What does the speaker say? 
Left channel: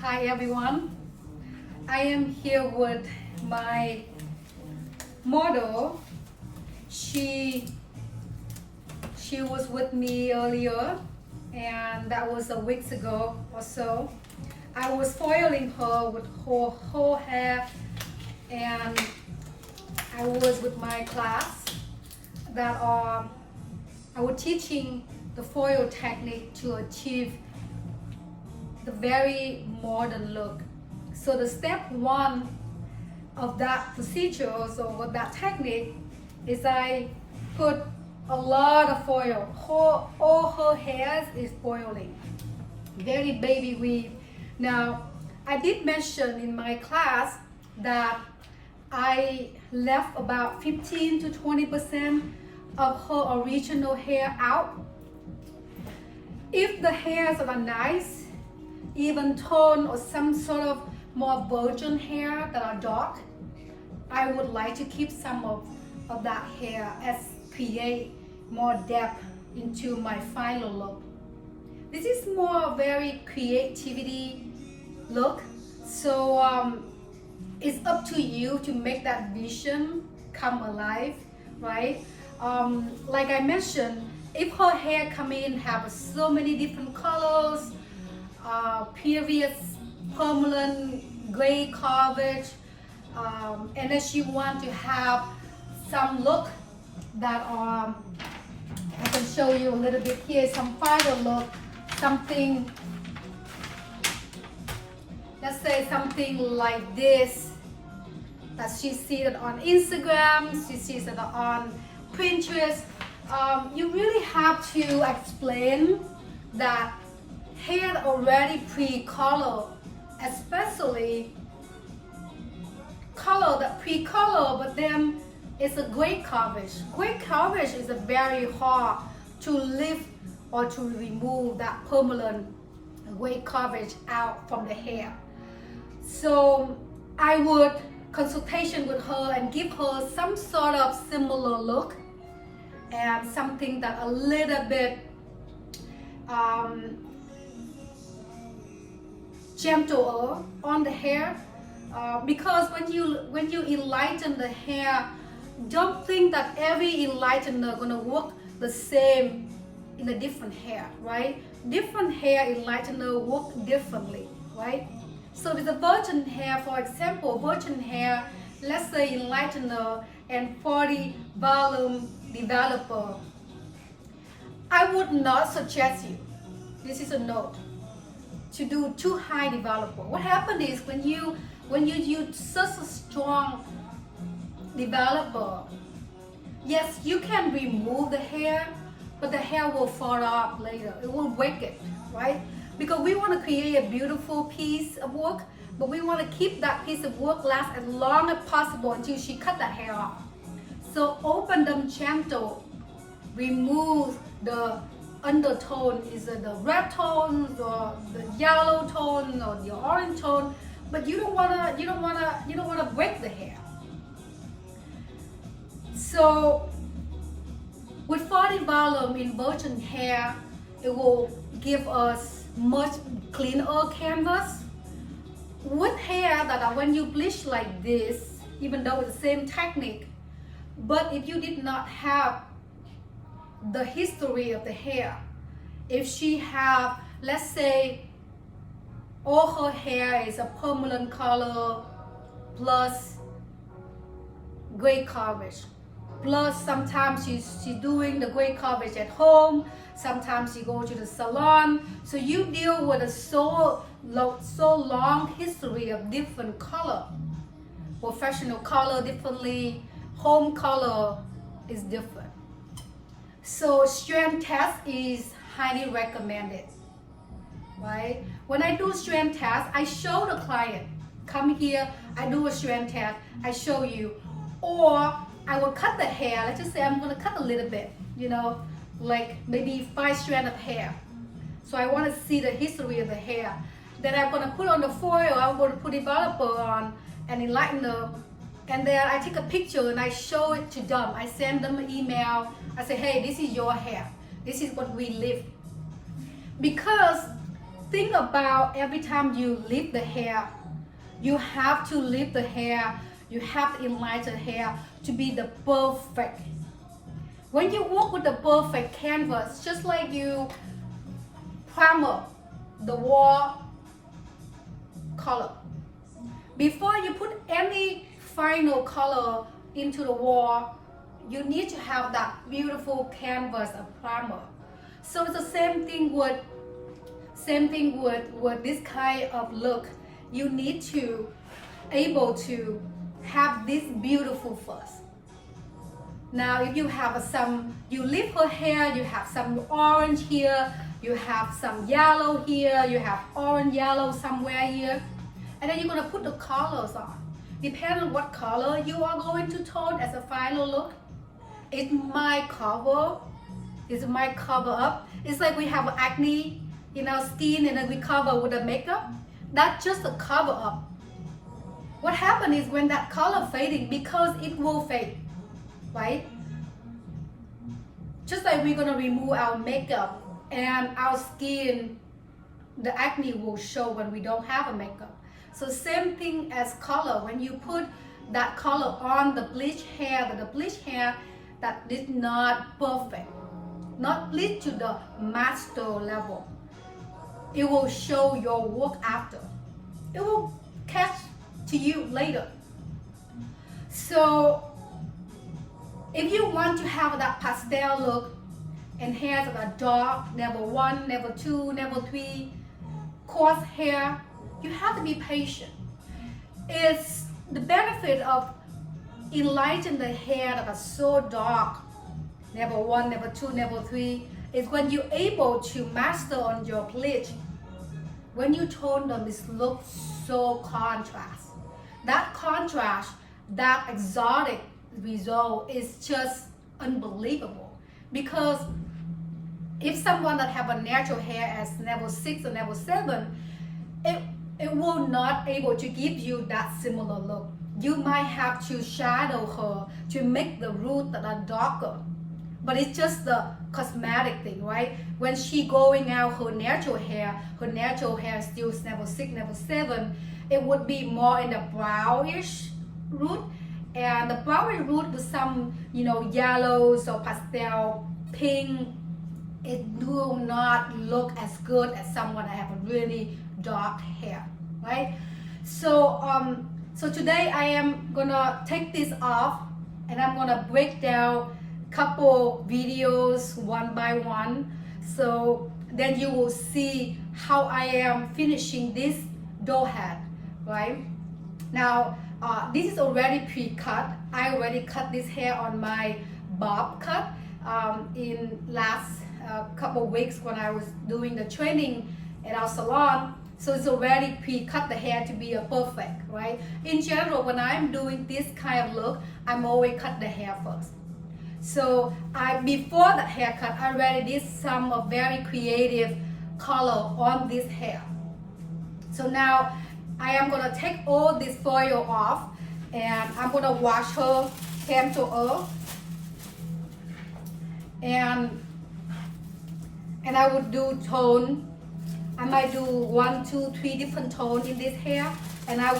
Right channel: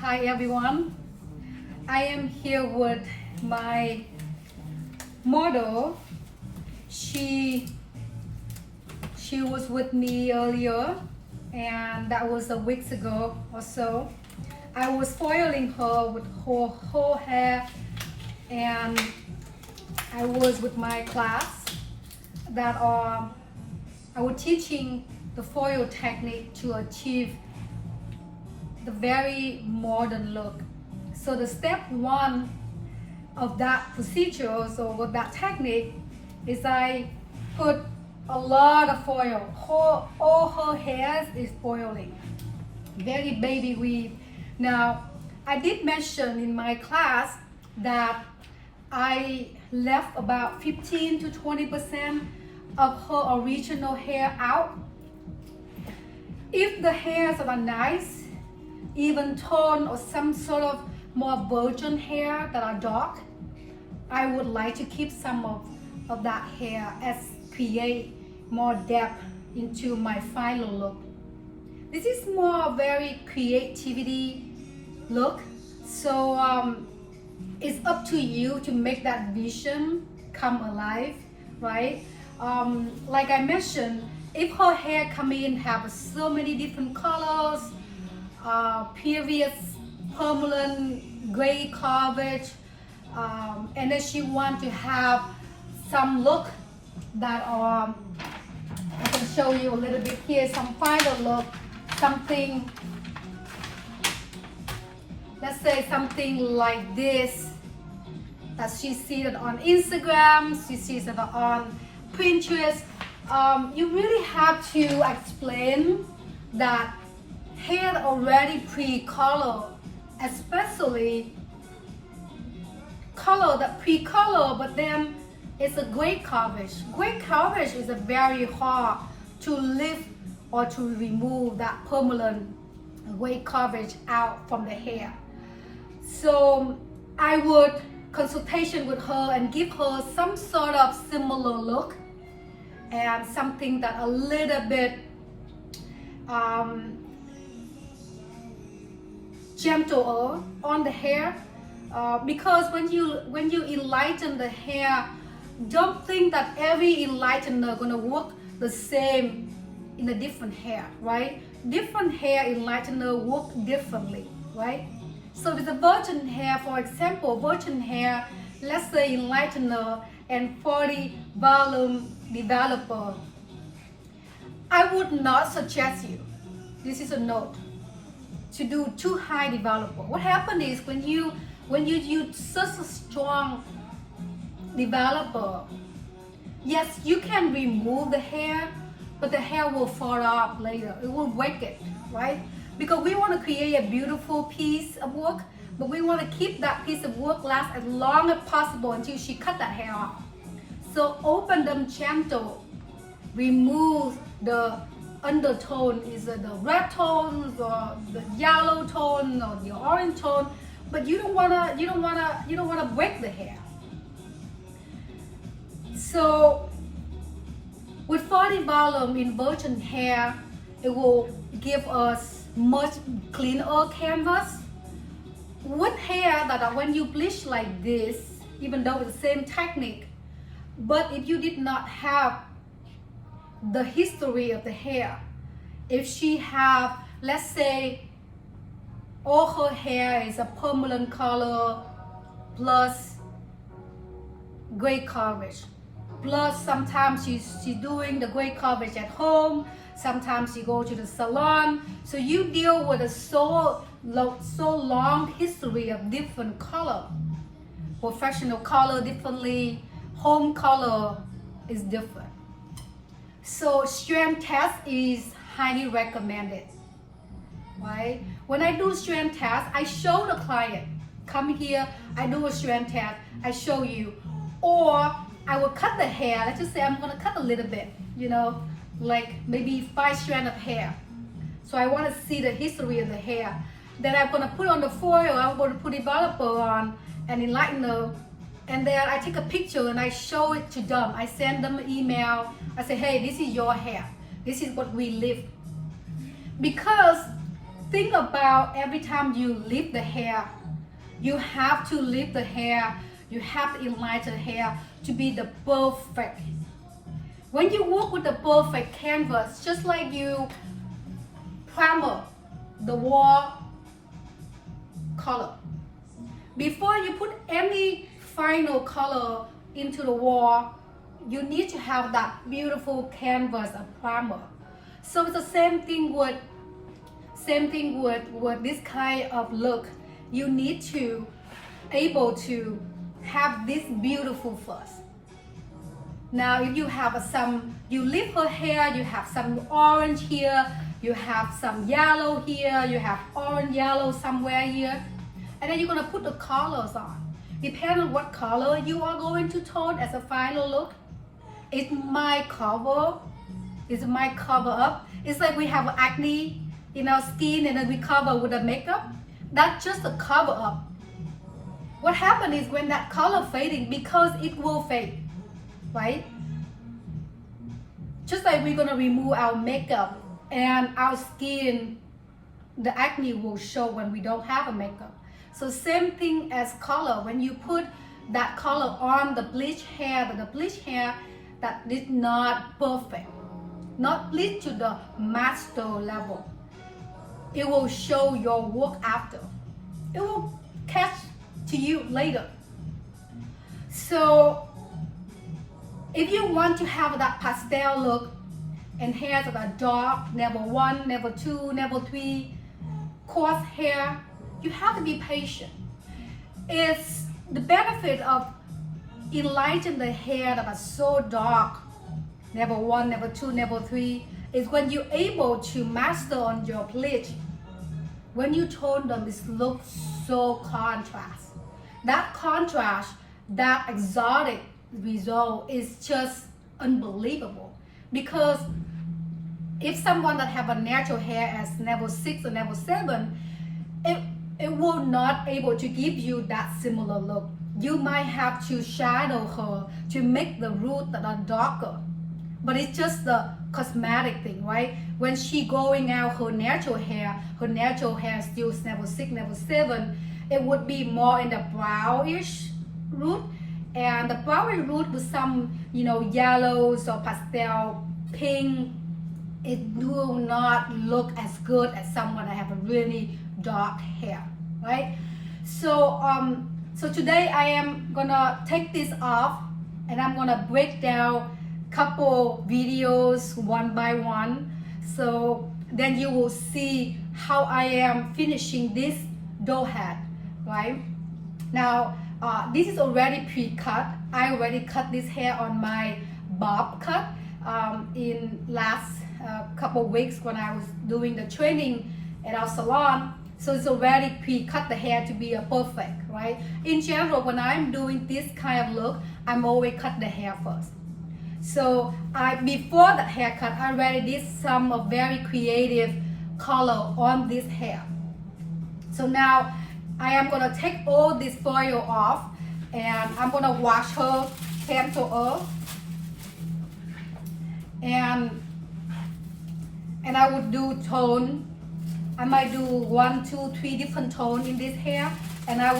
Hi everyone, I am here with my model. She was with me earlier, and that was a weeks ago or so. I was foiling her with her whole hair, and I was with my class that I was teaching the foil technique to achieve the very modern look. So the step one of that procedure, so with that technique, is I put a lot of foil. All her hairs is foiling, very baby weave. Now, I did mention in my class that I left about 15 to 20% of her original hair out. If the hairs are nice, even tone, or some sort of more virgin hair that are dark, I would like to keep some of that hair as create more depth into my final look. This is more very creativity look, so it's up to you to make that vision come alive, right? Like I mentioned, if her hair come in have so many different colors, previous permanent gray coverage, and then she want to have some look that I can show you a little bit here, some final look, something, let's say something like this that she sees it on Instagram, she sees it on Pinterest. You really have to explain that hair already pre-color, especially color that pre-color, but then it's a gray coverage. Gray coverage is a very hard to lift or to remove that permanent gray coverage out from the hair. So I would consultation with her and give her some sort of similar look and something that a little bit gentler on the hair, because when you enlighten the hair, don't think that every enlightener gonna work the same in a different hair, right? Different hair enlightener work differently, right? So with the virgin hair, for example, virgin hair, let's say enlightener and 40 volume developer, I would not suggest you, this is a note, to do too high developer. What happens is when you use such a strong developer, yes, you can remove the hair, but the hair will fall off later. It will break it, right? Because we want to create a beautiful piece of work, but we want to keep that piece of work last as long as possible until she cut that hair off. So open them gentle, remove the undertone, is the red tone or the yellow tone or the orange tone, but you don't wanna break the hair. So with 40 volume in virgin hair, it will give us much cleaner canvas. With hair that are when you bleach like this, even though it's the same technique, but if you did not have the history of the hair, if she have, let's say, all her hair is a permanent color plus gray coverage, plus sometimes she's doing the gray coverage at home, sometimes she go to the salon, so you deal with a so long history of different color, professional color differently, home color is different. So strand test is highly recommended, right? When I do strand test, I show the client, come here, I do a strand test, I show you, or I will cut the hair. Let's just say I'm gonna cut a little bit, like maybe 5 strands of hair. So I want to see the history of the hair. Then I'm gonna put on the foil, I'm gonna put developer on and enlightener, and then I take a picture and I show it to them. I send them an email. I say, hey, this is your hair. This is what we live. Because think about every time you lift the hair, you have to lift the hair, you have to enlarge the hair to be the perfect. When you work with the perfect canvas, just like you primer the wall color. Before you put any final color into the wall, you need to have that beautiful canvas of primer. So it's the same thing with this kind of look. You need to able to have this beautiful first. Now if you have you lift her hair, you have some orange here, you have some yellow here, you have orange yellow somewhere here, and then you're going to put the colors on. Depending on what color you are going to tone as a final look. It's my cover up. It's like we have acne in our skin and then we cover with the makeup. That's just a cover up. What happens is when that color fading, because it will fade, right? Just like we're gonna remove our makeup and our skin, the acne will show when we don't have a makeup. So same thing as color. When you put that color on the bleach hair, that is not perfect, not bleach to the master level, it will show your work after. It will catch to you later. So if you want to have that pastel look and hairs that are dark, level 1, level 2, level 3, coarse hair, you have to be patient. It's the benefit of enlighten the hair that are so dark, level 1, level 2, level 3, is when you're able to master on your bleach. When you tone them, it looks so contrast. That contrast, that exotic result is just unbelievable. Because if someone that have a natural hair as level 6 or level 7, it will not able to give you that similar look. You might have to shadow her to make the roots that are darker. But it's just the cosmetic thing, right? When she going out her natural hair still level 6, level 7, it would be more in the brownish root. And the brownish root with some, yellows or pastel pink, it will not look as good as someone that have a really dark hair, right? So today I am gonna take this off and I'm gonna break down couple videos one by one. So then you will see how I am finishing this doll head, right? Now, this is already pre-cut. I already cut this hair on my bob cut in last couple weeks when I was doing the training at our salon. So it's already pre-cut the hair to be a perfect, right? In general, when I'm doing this kind of look, I'm always cut the hair first. So before that haircut, I already did some very creative color on this hair. So now I am gonna take all this foil off and I'm gonna wash her hand to earth. And I would do tone. I might do 1, 2, 3 different tones in this hair, and I would